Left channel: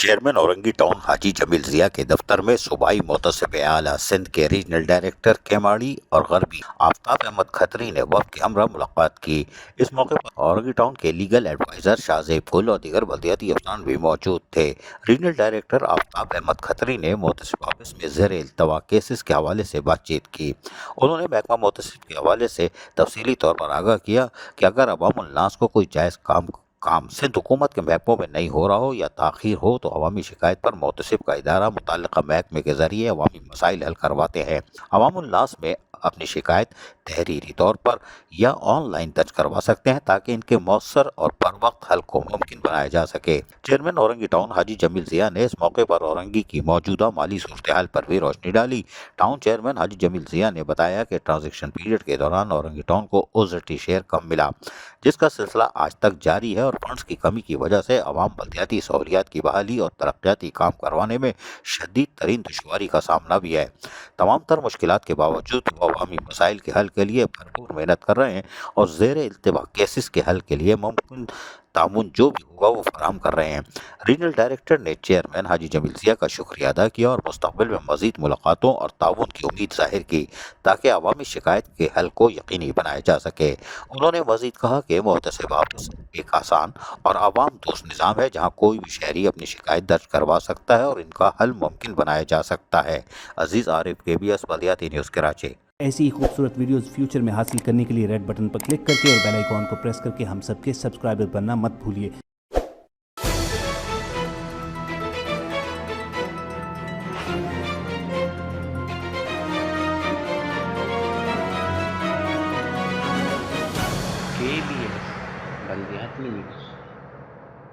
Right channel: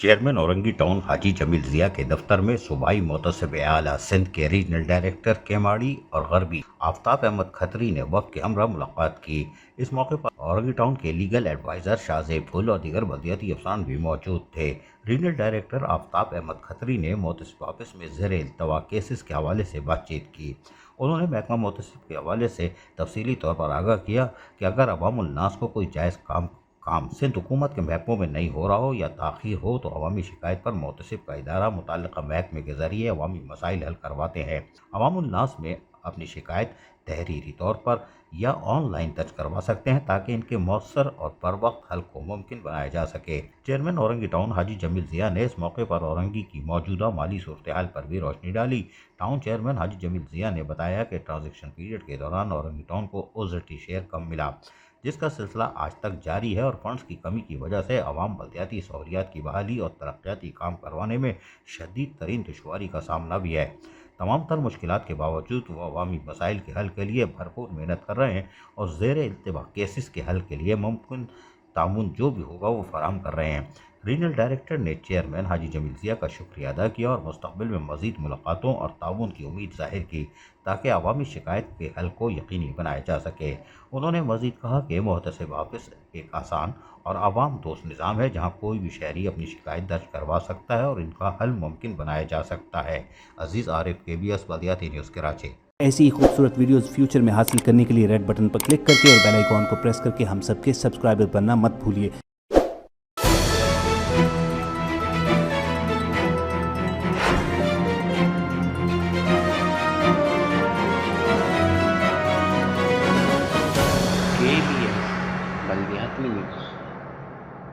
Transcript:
Chairman Orangi town हाजी जमील जिया के दफ्तर में सूबाई मोतसिब आला सिंध के रीजनल डायरेक्टर केमाड़ी और गरबी आफ्ताब अहमद खत्री ने वफद के हमरा मुलाकात की। इस मौके पर औरंगी टाउन के लीगल एडवाइजर शाहजेब गुल और दीगर बल्दियाती अफसरान भी मौजूद थे। रीजनल डायरेक्टर आफ्ताब अहमद खत्री ने मोतसिब ऑफिस में ज़ेर इल्तवा केसेस के हवाले से बातचीत की। उन्होंने महकमा मोतसिब के हवाले से तफसीली तौर पर आगाह किया कि अगर अवामुन्नास को कोई जायज़ काम सिंध हुकूमत के महकमों में नहीं हो रहा हो या ताख़ीर हो तो अवामी शिकायत पर मोतसिब का इदारा मुतल्लिक़ा महकमे के ज़रिए अवामी मसाइल हल करवाते हैं। अवामुन्नास में अपनी शिकायत तहरीरी तौर पर या ऑनलाइन दर्ज करवा सकते हैं ताकि इनके मौसर और बर वक्त हल को मुमकिन बनाया जा सके। चेयरमैन औरंगी टाउन हाजी जमील जिया ने इस मौके पर औरंगी की मौजूदा माली सूरत हाल पर भी रोशनी डाली। टाउन चेयरमैन हाजी जमील जिया ने बताया कि ट्रांजेक्शन पीरियड के दौरान औरंगी टाउन को उजरती शेयर कम मिला, जिसका सिलसिला आज तक जारी है और फंड्स की कमी की वजह से अवाम बल्दियाती सहूलियात की बहाली और तरक्याती काम करवाने में शदीद तरीन दुश्वारी का सामना भी है। तमाम तर मुश्किलात के बावजूद वो अवामी मसाइल के हल के लिए भरपूर मेहनत कर रहे हैं और ज़ेर इल्तवा केसेस के हल के लिए मुमकिन तामुन जो भी होगा वो फराहम कर रहे हैं। रीजनल डायरेक्टर ने चेयरमैन हाजी जमील जिया का शुक्रिया अदा किया और मुस्तक़बिल में मज़ीद मुलाकातों और ताउन की उम्मीद ज़ाहिर की ताकि अवामी शिकायत के हल को यकीनी बनाया जा सके। उन्होंने मज़ीद कहा कि मोहतसिब ऑफिस एक आसान और आवाम दोस्त निज़ाम है जहाँ कोई भी शहरी अपनी शिकायत दर्ज करवा सकता है और इनका हल मुमकिन बनाया जा सकता है। अजीज़ आरिफ, KBS बल्दियाती न्यूज़ कराची। ऐसी ही खूबसूरत वीडियोस फ्यूचर में हासिल करने के लिए रेड बटन पर क्लिक करके और बेल आइकॉन को प्रेस करके हम सबके सब्सक्राइबर बनना मत भूलिए।